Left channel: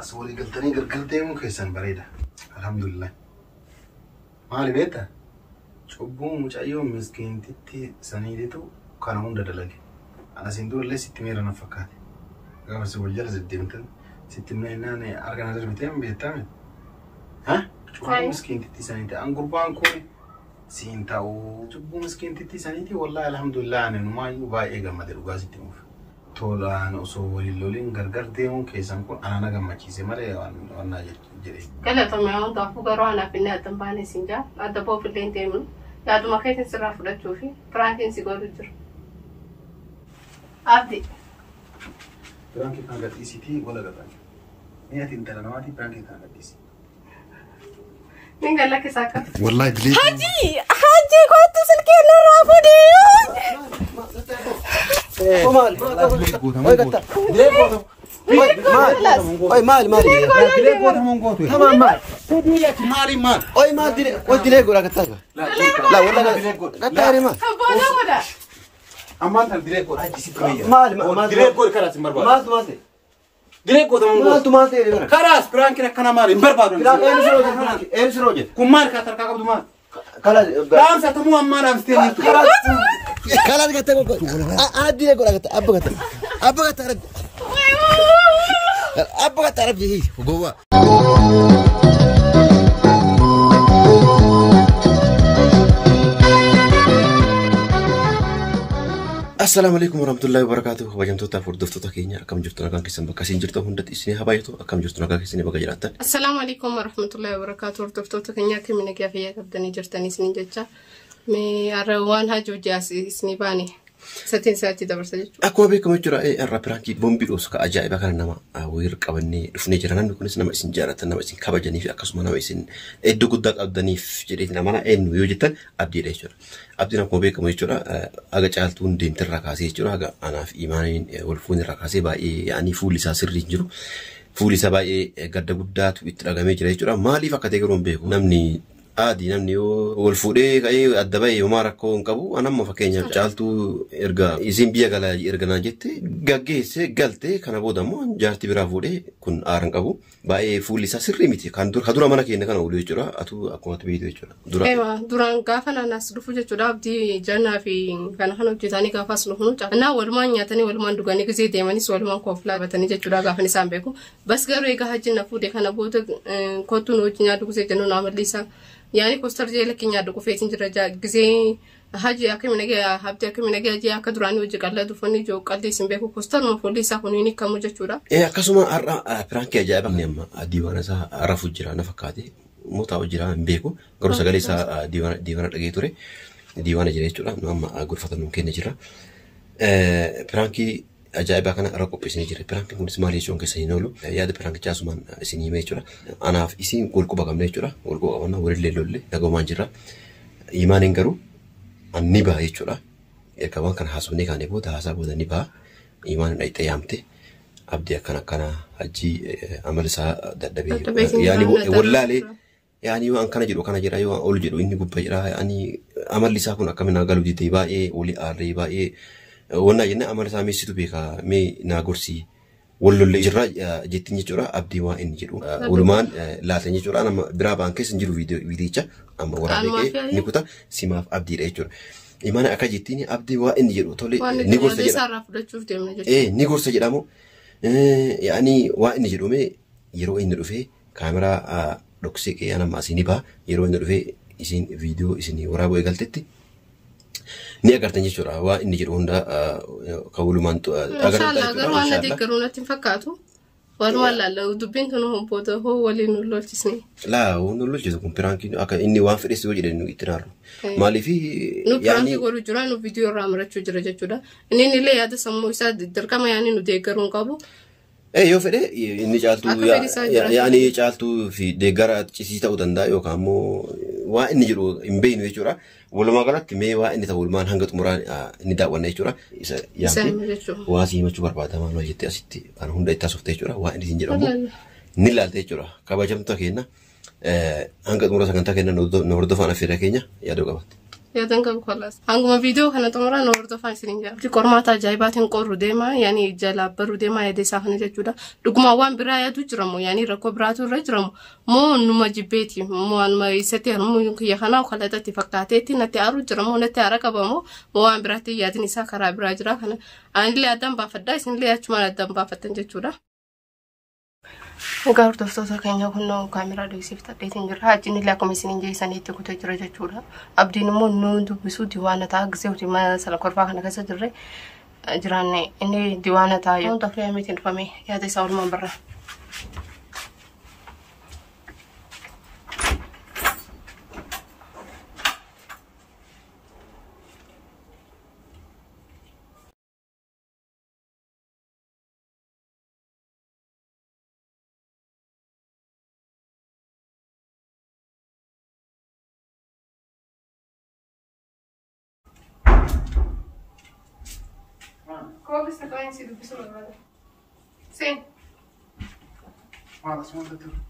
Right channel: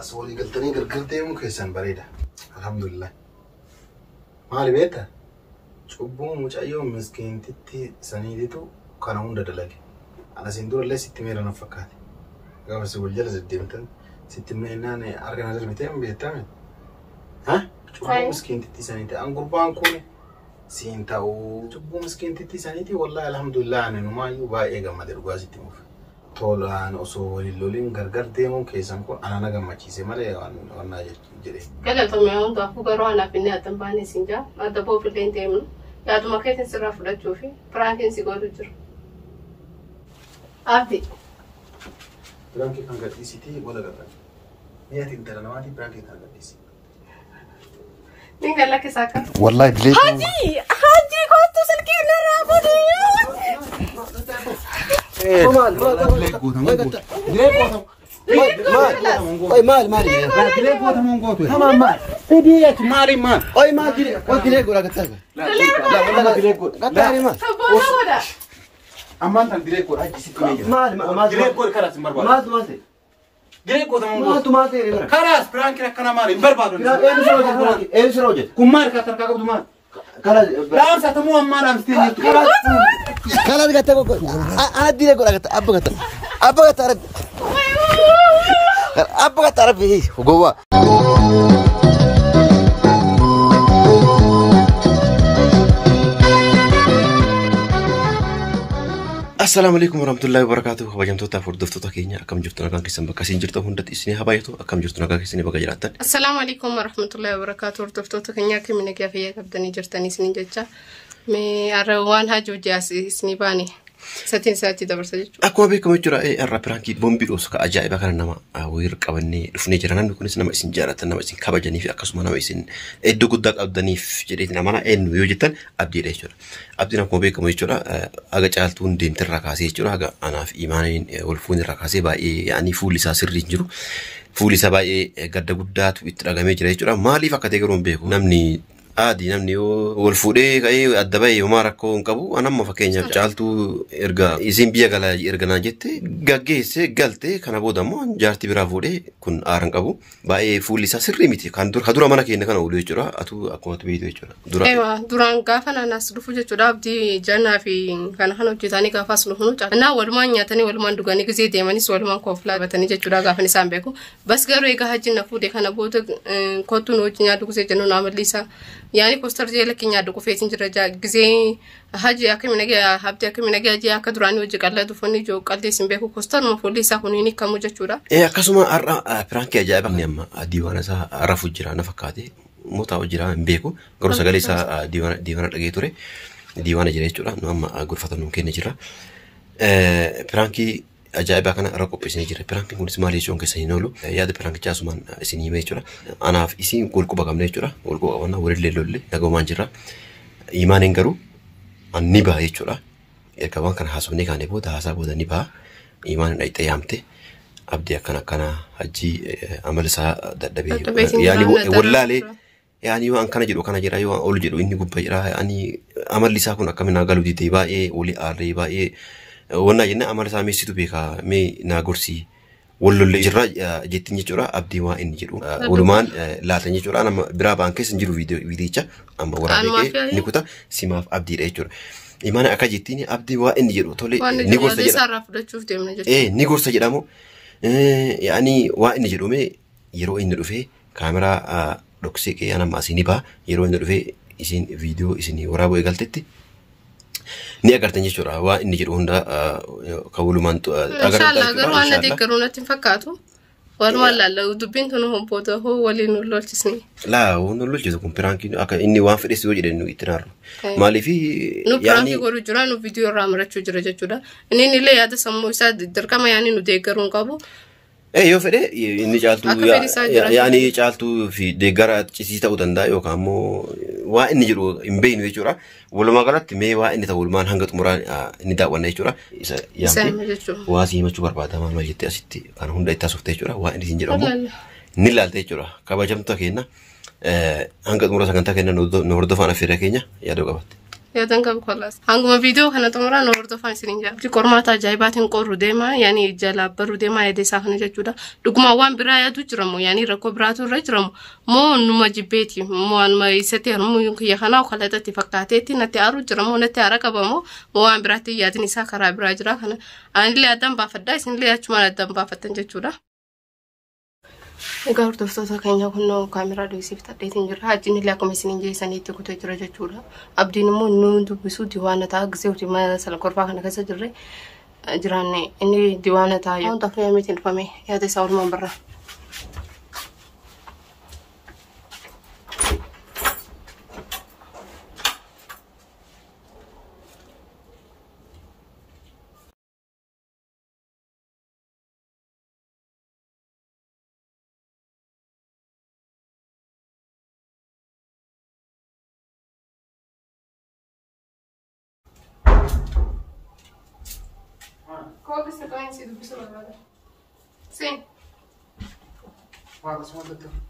سوري قلتني قرقرتي ممكن يسن بريدة الحمد لله مالي بيتا شوبو مش أيوم مسكين تتي سنيدتو كان هون دلالي أنا سندور اللي 600 نفكات قام سوول جلس الديمتن 600 إنني أرجع نزل 200 بيتامن ها شوبو مسكين تتي سنيدتي أنقول بانكوني سينتاو شوبو مسكين تتي سنيدتي والله الحمد لله أنا نما يبغى إيه قام مدير قاسي تيمو tola no so lolin gargar demo ke sanko anana gamma ci se mare onna jere kala to me on da fu garo ana pinne atambane sinja adda bo filen demo ya do makaitin sirra fuda chofi prankin si goru jur abdi prankin kan gati siti wala garan ne yatin tara nawati prankin kan gati si ninga lake saka wallahi dile haji ko to salke la rafudi مال تمام مال تديك ماري مال اي مال دي قلت ولا قلت لا ولا قلت مال اما انت ديريكو هاي 600 مال ديريكو كلاس مربع مال ديريكو ده مال خلاص برانك كنا مال بربع ايش روجت كمار كتر كابو مال خلاص لا ساتمو امانه مستني خلاص قلت انا ديريكو قلت ابغى تعرف ابغى تعرف ايه جوا السلام عليكم ورحمة الله وبركاته. وجمتوا تافور دفتوا كينيا كم جرتنا كان كيسن بكاسين جرتوا هندت إسني هبايتوا كم جرتنا كان كيسني بكجراتن. السلام عليكم ورحمة الله وبركاته. دفتوا كينيا كم من كافية كبدني جرتني سنين جتة مي أروان هجوجاس إسني باني ستين ساعة دبر سجل. أكو بيكم يجرا الرابرانكي بومبي أوسك أجاي بكرنا ما ويرك أبني رفني جرانان بيكون سنما إسن جارة نما إسن كبجاني في أكسو ما إسن إدو قدك أبدني في جريتنا مانا إن ويوجتن أبدي ريشور أبدي نكو بيكم يجرا أجا جالتون دين تركاسي يجرا أجا أنا في إيمانين والفون الركاسي باي يعني فولي ساسر رينجرو فولي سباي قد قدات ويترقامي جرا يجرا مالي فكتيرون بيكو نمني عادي نمني والفودي كأي الدبي وماركو نكبو أنا ما فكيني جالتو إرجع إزين بيا قلا إرجع ناجت جاجيس قلتي كنا بودا مو جارتي برافودي كن آرن كبو باي فولي ساسر ريميتي كان دور خدورا منا كيني كنا أولي جرا أتو أكون تبيدو جرا دورا إيوه دوران كافنا ناس رفوجة جرا بدي جانا في كان خانو جتاني كافاس لهونو أنا والمان ياتني والمان دوغاني كزي ديماني والمان كوفلا بتاني جرا كافني سامبيكو بس قالوا إيجا هجين نفودي كنا بودا كوتو نوجي نادو كزي جنو نعمل ليسا يعني كوستر جي لكن يادو فيتين جرجا جزي هاجي أكمل نجى هبتي أكمل نجى جي أكدراني وجه قال له دفني جو قال لي سنبيه كوستر ما فولي ساكونيني كموجة شورا إيه كسمة فرانكي جايبك نيم ديوانا سا رفوج جرا نفكاتي متاو جرا بيكو قرص قالي سا ديوانا لقيتوري ديوانا جرا شورا نوم غرفة ممكن جرا فرانكي أجايبك أنا ركوب بسني جرا فرانكي كل سمالي شون كسينولو ياد فرانكي جاسمان سني ميجورا أنا في إسين كل كوبا كم نيجورا كل كوبا أنا ورد لولي نجوا مانجرا إيمانين كرو النبا يجورا كمان كان حاسبني كان يبود حاسبه النبا إيمان أي تيامته أبدي كنا هجي عمل سا دبي يعني ولا لي يعني وان كان جرو كان جرا يوان أول جرو إني قبّا جرا يعني عمل لي ساكون أكمل نقالو دي تبا إيه ولي أري با إيه وانا جنا عمل سامي سيتو بيكا مي ناقرسي ولو اللي جرا جتني جرا أبدي وان جرو ولمان لا تني جرا أنا برابان كيس نجرو فيديو جا أما ورا بيك نكوتا سيماف أبدي ريجور إيمان أكاجتني أبدي وان جرو تولي نيجور سجدا إيه نيجور سجدا مو يعني وان جرو مي يرو إن رفي كاميرا دوكسيك أنا ما سيني با يرو إن رفي إسين فيديو إسيني ورا بوي قالتتي ني أقدر جرا وان جرو هندا كولو مانتو أقدر وانا ديكرونا تنفكاتو والله لو دبين تنو هم بوده هو ولي نقول تسني لا هو نقول جزء كمبيرانكي أكا إني وافر إسوي جدا إنه يتنار مالي في يعني نو جرا فيديو رامرة شجرة جدا إني نلاقي هذا سمو يساد دركما يعني نو ديكرون كابو إيه يو فده إني جالتو يعني جالتو في ديكرات تشيستا ودندا يو كامو وإني جرو إمبين ويجورا ولما قالت مي وإني تقول ما هنقط مران إني داونا يجورا يعني واسي ما تشوفر بعد ما يجتي أسيتي كان هندا يتاسفت يجورا وإني تنجرا نيلال تيجورا كابا جم تكينا هنقط مران سكان تكينا نورد فانا في ركينا يا دوغابت Yaadan qabu kolas. Hanguma viidiyoo kana xumura nu hordofaa isiniin jira. Qormaata ajaa'ibaatiin qorru deema yaani jalaa barru deema yaada isaa kana jechuudha. Dhuguma waan biraa yaadu jiramu yaani rakkoo biraatu irra jiramu. Moo numa jibbeeti moo anuma isatti harmuu kiyya kana kallatatti fakkaateetti natti aaru jiramu natti aara qabamu moo waan biraatti yaadin isaa karaa biraa jira kana anillee addaan baafadhaa isinillee achumaan addaan baafatan jechuudha. Egaa hordoftoota keenya kun kaameraa dheessiif tadheetiin jira. Hajjiin illee akkuma isiniin jeessaniitti kutee jira jechuudha. Abdiin immoo nu dubbisuu diiwaana ta'a gisee hojii mana sala korfaa kana keessa jirre jiraanne inni diiwaana ta'a yoo ta'u fayyamiitiin dhufame yaada isaa walumaan barra. Qual que você conhece do pessoal agora? Sim. Mas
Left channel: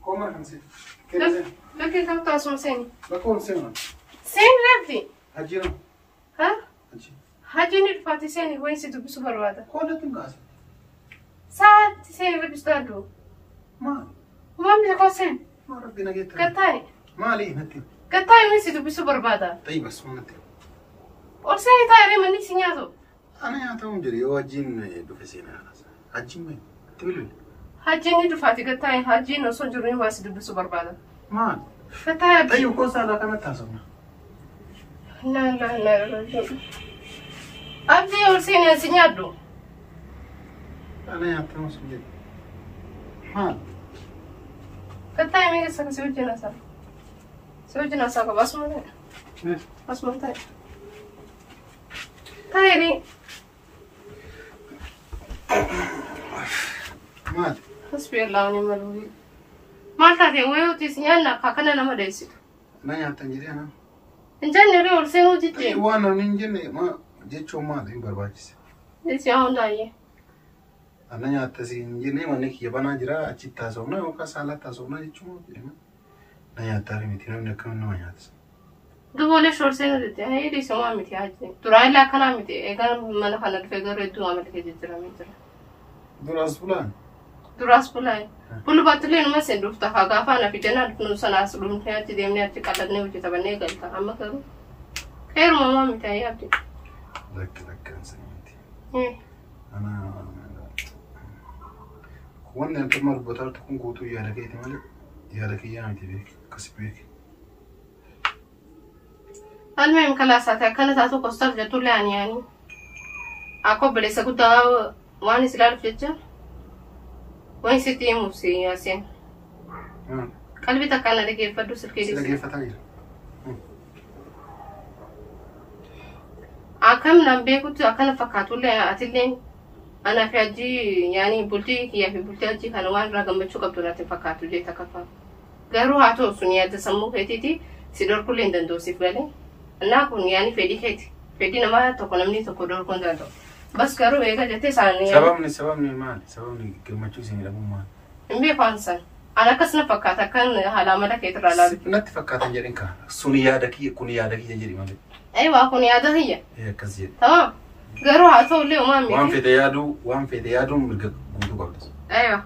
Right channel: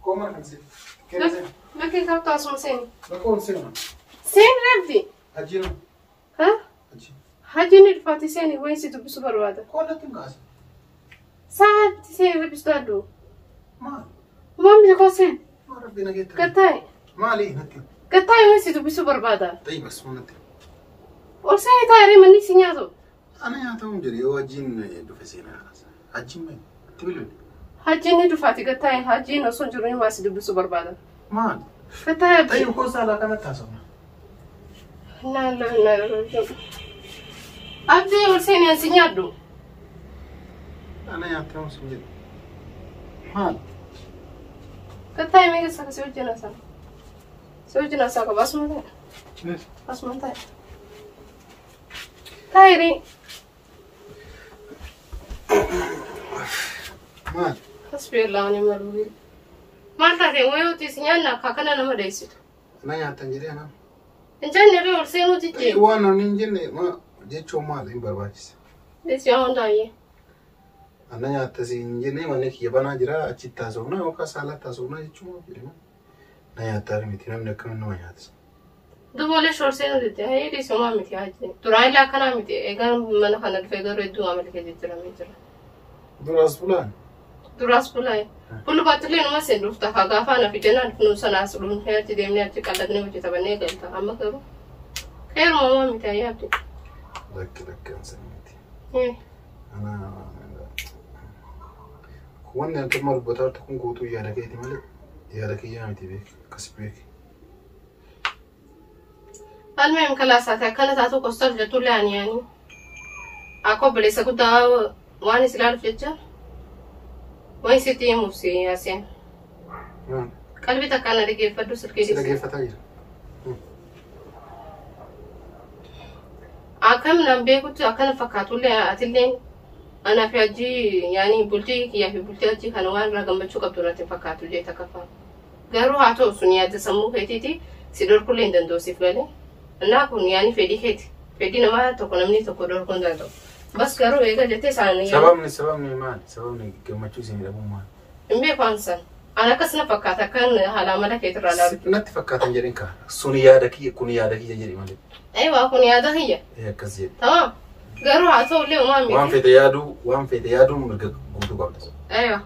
como é que você? Não quer captar som sim. Mas como você não? Sim, Ravi. Hajira. Hã? Hajira. Hajini rufati sim, conhece do pessoal agora. Qual é tu casa? Sabe sim, repistado. Ma. Mami já conhece. Ma Rabbina geta. Katai. Mali nati. Katai conhece do pessoal barbada. طيب بس ما نتي. Or sai tai re mani sinyato. أنا يا توم جري وجين دفسينا خلاص. هجين مين؟ تقول Hajini rufati katai hajini oson jurin wasi do pessoal barbada. ما. Katai. طيب كوسا لا كانت تاسونا. لا. Abdi or sai ne sinyato. أنا يا توم سمير. ما. Katai me sa kasi ujina sa. Ujina sa ka basmanta. ليش؟ Basmanta. Kairi. ما. حسبي الله ونعم الوكيل. ما تعرفي وين تسيانا كأننا ما دايسيت. أنا يا تنجري أنا. إن جاني رأي ورسينو تيجي. وانا نينجني ما جيت شو ما ذي برباجس. ليش يا هنداي؟ أنا يا تسينجني وانا كي يبانا جرا أشي تاسونا أو كسالة تاسونا جيت شو ما بيرم. أنا يا تاري متينا من كم نوع ياتس. دوبله شورسينو تيجي. هاي دي سما متي هاجي. تراي لا كنا متي. إيجان من خنا الفجر ردو عمل كذي ترى مترا. دراس فلان. دراس كلاي. بلو باتلين ما سندوف تها غافانا في جنان كنو سنا سلون هي تدي مني أتي كالدني وجي تبني قلتا أما كرو. خير ماما متي هاي أبدي. ذاك إنسان متي. إيه. أنا وانا أنت مربوطة تكون قوتو يا لكيتي مالي يا لكي يا متي بيك كسبيك. المهم كلاساتها كانت أتو كوستر جتول يعني. Aku beli sekuta wani selalu fletcher. Wani siti musi asen. Kalbi takkan ada ke fadu serkedi. Lagi fataya. Akam nambe kutu akan fakatule atilen. Ana fiaji yani bulti ya fi bulti aji kanwan ragam bacu kaptura te fakatu je takafa. Garu hato sunia te samu hetiti sidor kulen dan dosif gale. Na kun yani fedi het. Fedi nama to konamni to kodor kon dan to. بس كرو إيجا جتة سالني. سببني ما سببني كم تجوزين لهم ما. إمبي فانسن. أنا كسنا فكرت كان هلا ملا كتر على. نت فكرت جرين كا. سونيا دكي كونيا دكي جري مالك. أيوة كونيا ده هي. هي كذي. تمام. قالوا هاتوا لي وما مي. وان في ديادو مرق قوتو قبلس. أيوة.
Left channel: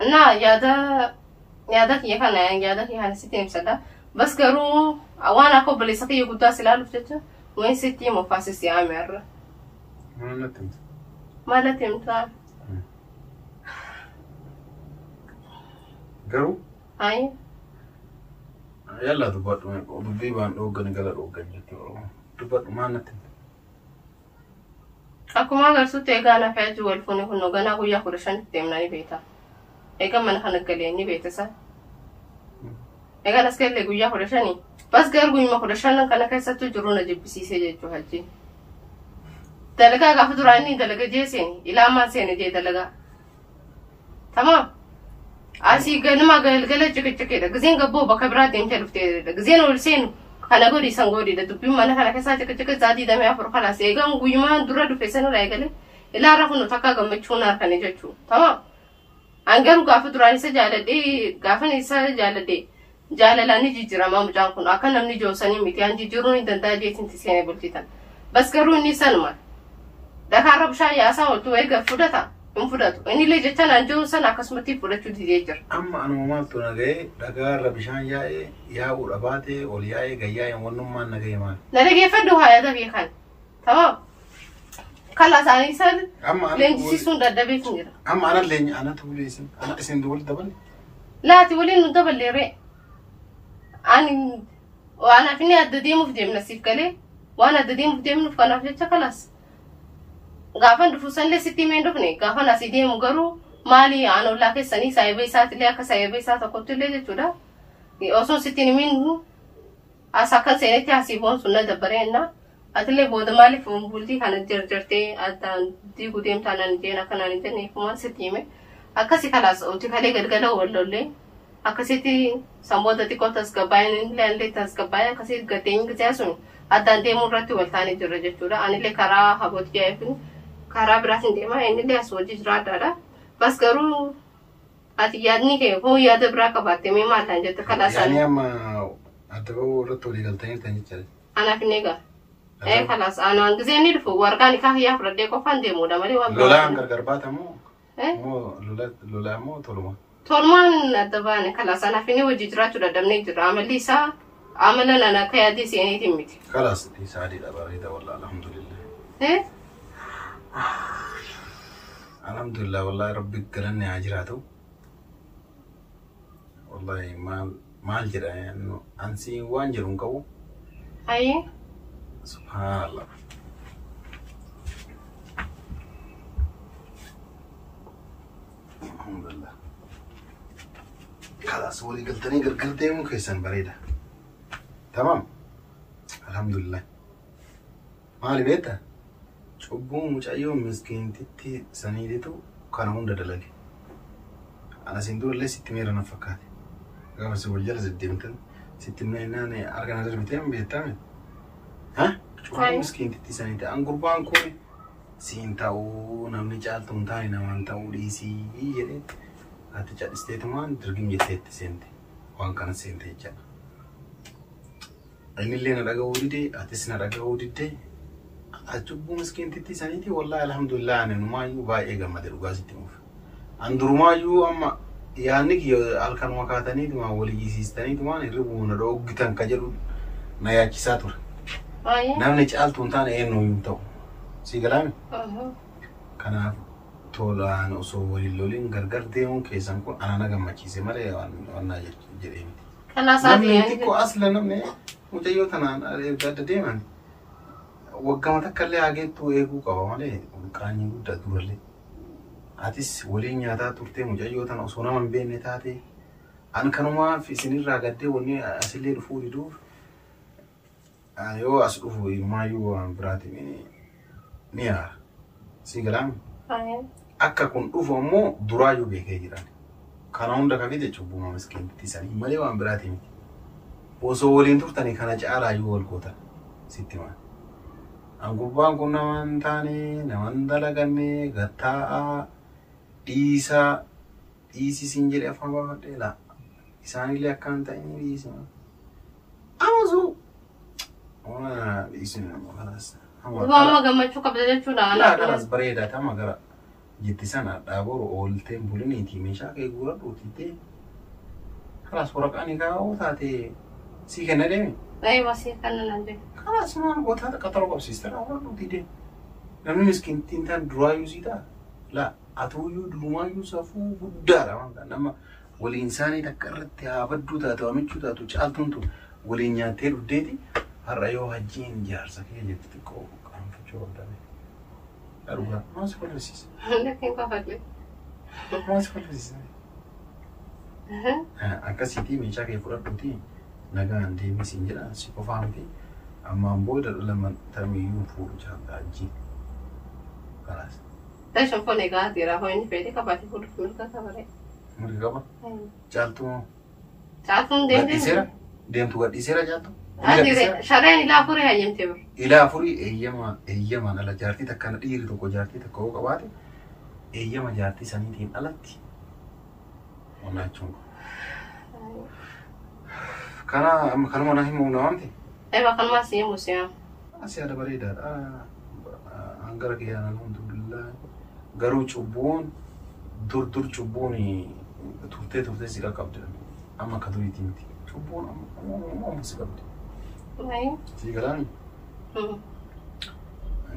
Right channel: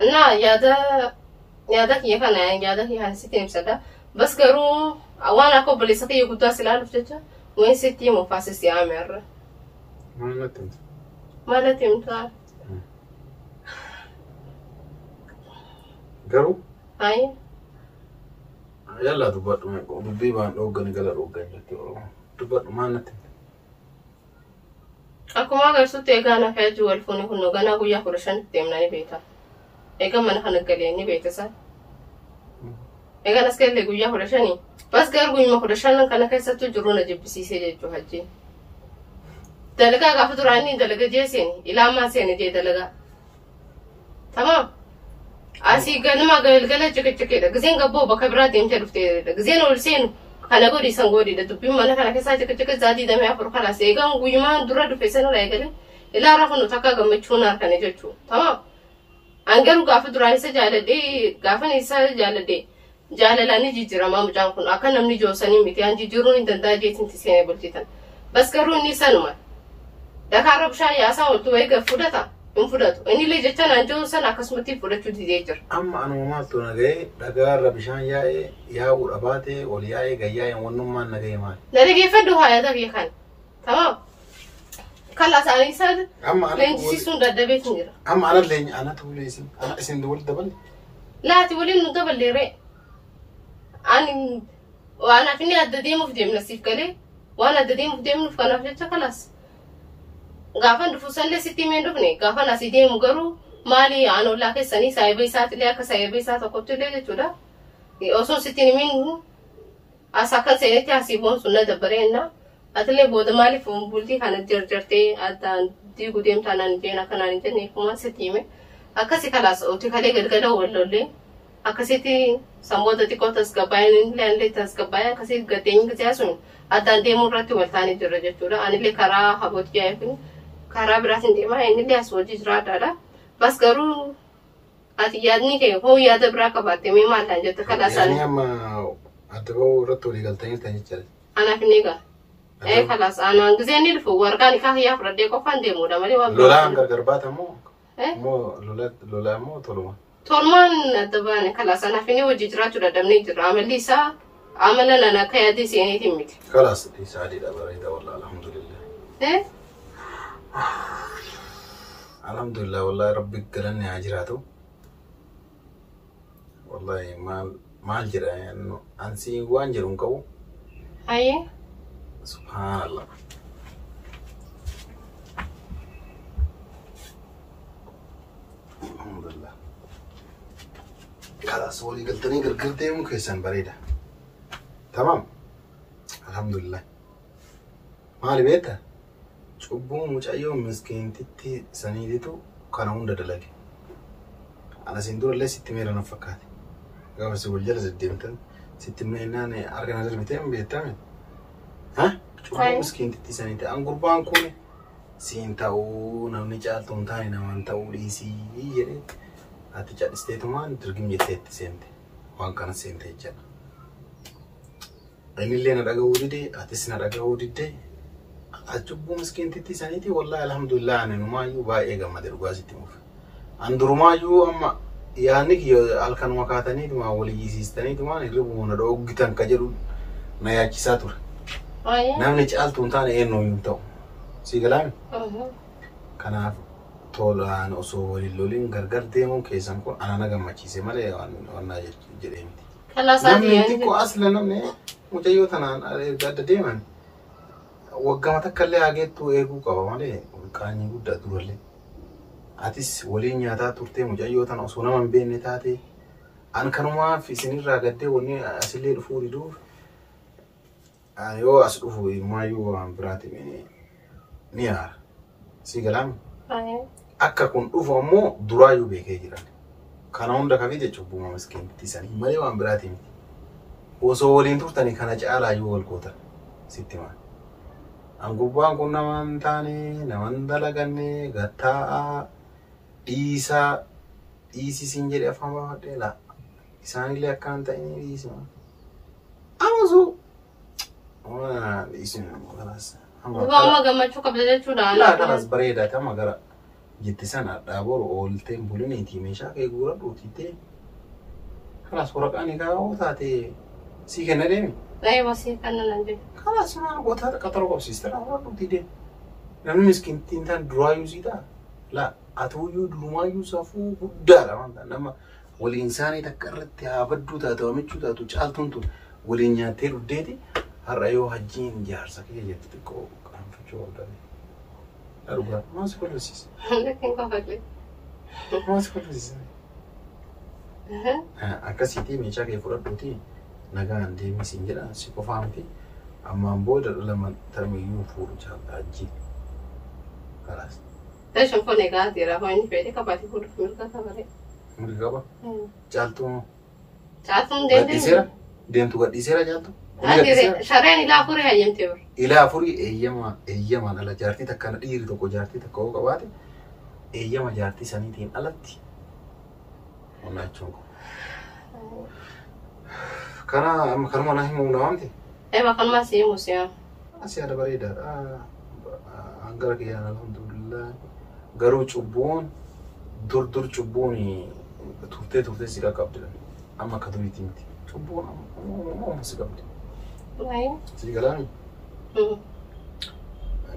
نا يادا هي كان يادا هي هنسيتي مسدا. بس قالوا وانا كوبلي سكي يقطع سلالة فتشة. وين ستي مفاسس يا عمر. ما لا تمت. قالوا؟ أي. يلا دبّر دبّيبان أوغني قال أوغني دبّر ما نتم. Aku mah gak suka tegana kayak jual phone aku nogana aku ya kurang temna ni beta. Eka mana kan kalian ni beta sa. Eka nas kalian aku ya kurang ni. Pas gar gue mah kurang karena kayak satu juru aja bisi saja tu haji. Dalaga gak faturan ni dalaga jesin. Ilama sen je dalaga. Tamam. Asi ganama galgala cek-cek dah. Gizin gabo bakabra tem cerufte dah. Gizin ulsen. Kana godi sangodi da tupi mana kana kesa cek zadi da me afur kala se ga nguyuma dura du fesana la gale ila ra hono taka ga mechuna kana jechu tamam angaru gafa durani se jala de gafa ni sa jala de jaalalani jijjiiramaa mucaan kun akka namni joosanii miti an jijjiiruun hin danda'a jeetinti seenee bulchitan bas garuu inni sanuma Dakaarra bishaan yaasaa oltu eega fudhata hin fudhatu inni illee jechaan an joosan akkasumatti fudhachuu didee jira amma anuma maaltu nagahee dagaarra bishaan yaa'ee yaa'uu dhabaatee ol yaa'ee gayyaa'ee wannummaan nagahee maali na dhageeffadhu haayata beekan tamaam kala isaanii san leenjisiisuun daddabeetiin jira amma ana leenji ana tuuleesin ana isin wal dabale laati waliin nu daballeeree ani waan afini adda deemuuf deemna siif galee waan adda deemuuf deemnuuf kanaaf jecha kalaas gaafan dhufu sanlee sitti himee dhufne gaafan asii deemu garuu maali aanollaa keessanii saayibee isaatiillee akka saayibee isaa tokkotti illee jechuudha osoo sitti himin as akka seenetti asii boonsu na dabbareenna atillee booda maaliif bultii kana jarjartee addaan diiguu deemtaanaan jeen akkanaan hin jenne kumaan sitti hime akkasi kalaas oti kalee galgala wallollee akkasitti samboota xiqqoo tasgabbaa'een illee tasgabbaa'ee akkasitti gateen gisee sun addaan deemuu irratti waltaanii jirra jechuudha anillee karaa habootii yaa'eefin karaa biraatiin deemaa innillee as wajji jira addaadha bas garuu ati yaadni kee hoo yaada biraa qabaatte mee maallaan jette kalaasaan yaani amma adda ba'uu irratti walii galtanii ta'anii jira anaaf inni egaa kalaas anaan gisee ni dhufu warqaan ikaa hiyyaa fudhadhee qofaan deemuudha malee waan lolaan gargar baata moo lolaa moo toluma tolmaan adda baane kalaas anaaf inni wajji jiraachuu dadhabnee jira amalli isaa amala nana akka yaadii seeneetiin miti kalaas isaa adiidha bareeda wallah alhamdulillah alhamdulillah wallahi rabbi galanni haa jiraatu wallahi maal jedha ansi waan jedhu hin qabu ayi subhanallah alhamdulillah kalaas walii galtanii gargar deemuu keessan bareeda tamam alhamdulillah maali beekta cubbuu mucayyoo miskiintitti saniititu kana hunda dalage ana sin durallee sitti meera na fakkaate gaafa si wal jala deddeemtan sitti meennaan argana darbiteen beektame cubbuu miskiintitti saniiti an gurbaan kun siin ta'uu namni caaltu hin taane namaan ta'uu dhiisii jedhee ati cadhisteetumaan dirgim jetteetti seente waan kana seente jechaadha innillee na dhaga'uu didee atis na dhaga'uu diddee cubbuu miskiintitti saniiti wallahi alhamdulillah ani numaayyuu baay'ee gammade dhugaa sitti muuf an durumaayyuu amma yaadni kiyyo halkanuma kaataniituma walii jisiistaniitumaan hirribuma na dhooggitan ka jedhu na yaachisaa ture namni caaltu hin taane eenyuu hin ta'u sii galaami kanaaf tolaan osoo waliin loliin gargar deemuu keessan kun ana na gammachiise malee wannaa jedhee miti namni xiqqoo asla namni mucayyoo tanaan erga adda deeman waggama takkallee hageettuu eeguu qaba malee qaanii guddaa durallee atis waliin nyaataa turtee mucayyoo tana osoo nama hin beekne taate an kanumaaf isinirraa gaddee wanni asillee dhufuu diduuf yoo as dhufu maayyuu waan biraati ni yaara sii galaami akka kun dhufu ammoo duraayyuu beekee jiran kana hunda kafite cubbuma miskiintitti sanii malee waan biraati miti osoo waliin turtanii kana caalaayyuu wal gootan sitti maa an gubbaan kun namaan taane naman dalaganne gattaa'a dhiisisin jedhe afaan baafadhee laa isaanillee akkaan ta'in dhiisima amasu dhiisin kalaas amma gammachuu qabda jechuudha kalaas bareedaa tama gara jetti sana dhaaboru oolteen buliniitii meeshaa kee guura dhuutitee kalaas waraqaan egaa taate sii kenna deemi masii kana nan deemi kalaas maal goota qaxaroo qabsiiste dhaabura dhuutitee namni miskiintiin taan duraayyuu sii ta'a laa atuuyyuu durumaayyuu safuu guddaadha wanta nama waliin isaanii takka irratti haa badduu taatu hamichuu taatu caaltuun tun waliin nyaattee dhuddeeti har'a yoo hajjiin jaarsa kee jetti xiqqoo qaanfachuu qabdabe dharugaa maas kolfisiisa maas kolfisiisa akkasiitii meeshaa kee fudhadhuutii nagaan deemisiin jedha si qofaa miti ammaan booda lama tarmiyyuu fuudhu jaalta hajjiin kalaas Tashan pone gati ra hoini pede kapati pur milka kabare. Milka ba? Jaltu. Jaltu dende. Dentu gadisera jaltu. Adire sharani la furi hayem tebur. Ila furi eyyama ala jarti takkana dhiiri tokko jarti takko qabaate eyyama jarti saniitiin alatti. Wallaachuun. Kana mana himu nawanti. Bakal masih museum. Masih ada beredar. Anggar kian alhamdulillah. Garu cubun, dur cubun ni turte sika kapte. Amma kadu itimti. Cubun amma sika kapte. Lain. Sigalan.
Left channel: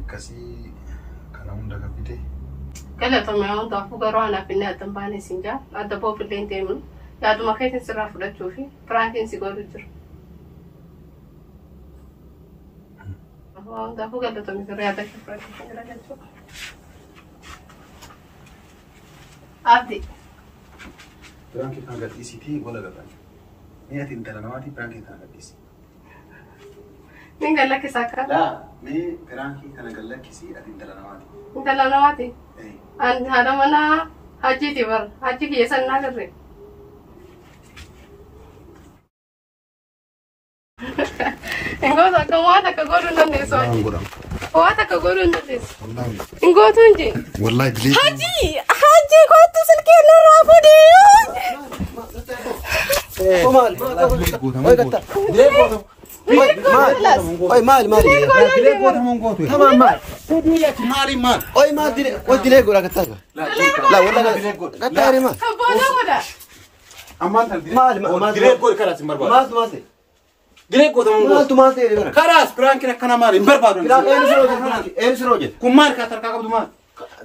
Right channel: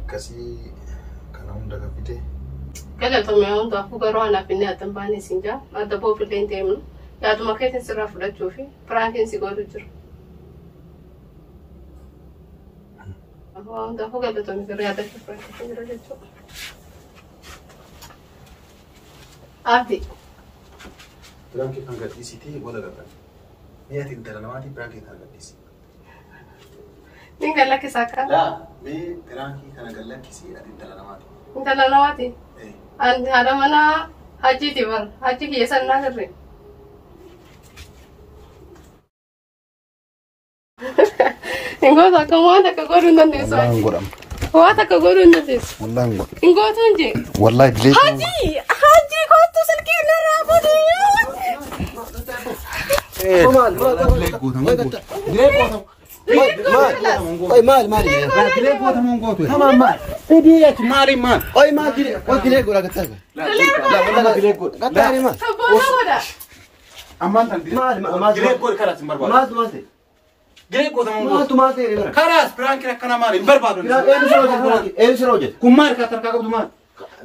Kasi kana unda kapite. Kala to me on to fu garo ana pinne atambani sinja. Adda bo pilen temu. Ya du maketin sira fuda chofi. Frankin sigoru jur. Anda fu gada to me riada fi frankin riada cho. Abdi. Frankin kan gadi siti wala gada. Ni ati intera nawati frankin kan gadi siti. Ninga laki saka. La, me frankin kan gallaki si ati intera nawati. Intera nawati. An hada mana haji tibar. Haji ki yasan na garre. Ingo saka mo ta ka goru nan deso. Ngoram. Wa ta ka goru nan deso. Wallahi ngo. Ingo tunji. Wallahi dile. Haji ko to salke na rafu di. Mal. Oi mal. Tamam mal. Dile mari mal. Oi mal dire. Oi dire gora kata. La wala kata ni mal. Bona wada. Aman Mal. dile gol kala simbarba. Mal. Dile ko tamam Mal tu mal tere kana. Karas frankin kana mari barbado. Kira en sroje. Kumar ka tarka ko duma.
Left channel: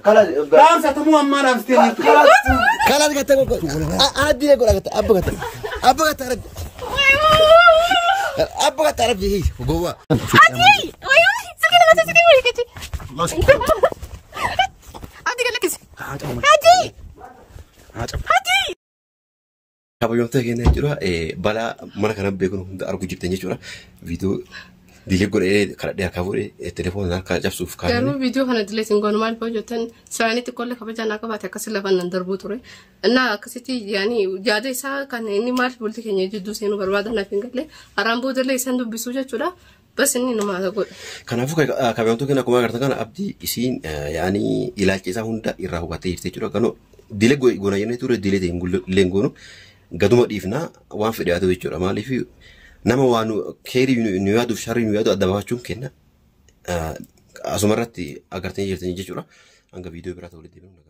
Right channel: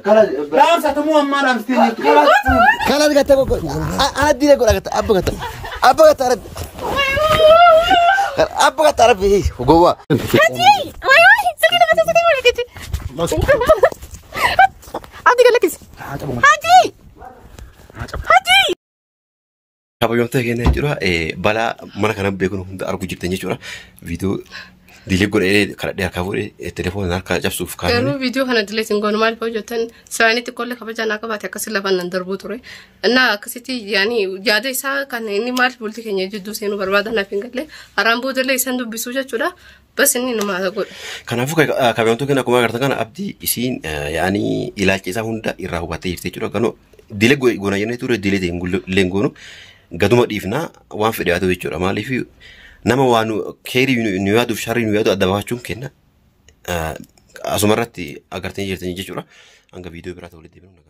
Kala Ram sa tamu amma ram steni. kala kata ko. Ana dire gora kata. Abba kata. Abba kata rabi. Gowa. Haji. Wallahi sakina masa sakina wali kiti. Abdi galakis. Haji. Haji. Kabayoomtee keenya jechuudha. Balaa mana kana beekuun hunda arguu jirtan jechuudha. Viidiyoo diilee godhee kadhadhee harkaa fuudhee telefoona harkaa cabsuuf kaa'anii. Garuu viidiyoo kana dileetiin goonu maaliif hojjetan isaanitti qolle kabajaa naa qabaate akkasii lafa nan darbuu ture. Innaa akkasitti yaani yaada isaa kan inni maaliif bultii keenya jidduu seenuu barbaadan naaf hin galle haraan boodallee isaan dubbisuu jechuudha. Bas inni nama godha. Kanaafuu kabayoomtee keenya akkuma agartan kana abdii isiin yaani ilaalcha isaa hunda irraa hubattee jirti jechuudha. Ganoo diilee goona jennee ture diilee ta'e leengoonu. Gaduma dhiifnaa waan fedhe haa ta'u jechuudha. Maaliif nama waan keerii nu yaaduuf sharrii nu yaadu adda baafachuun kenna. Asumarratti agartanii jirtanii jechuudha. Hanga viidiyoo biraa ta'uu walitti deebiin.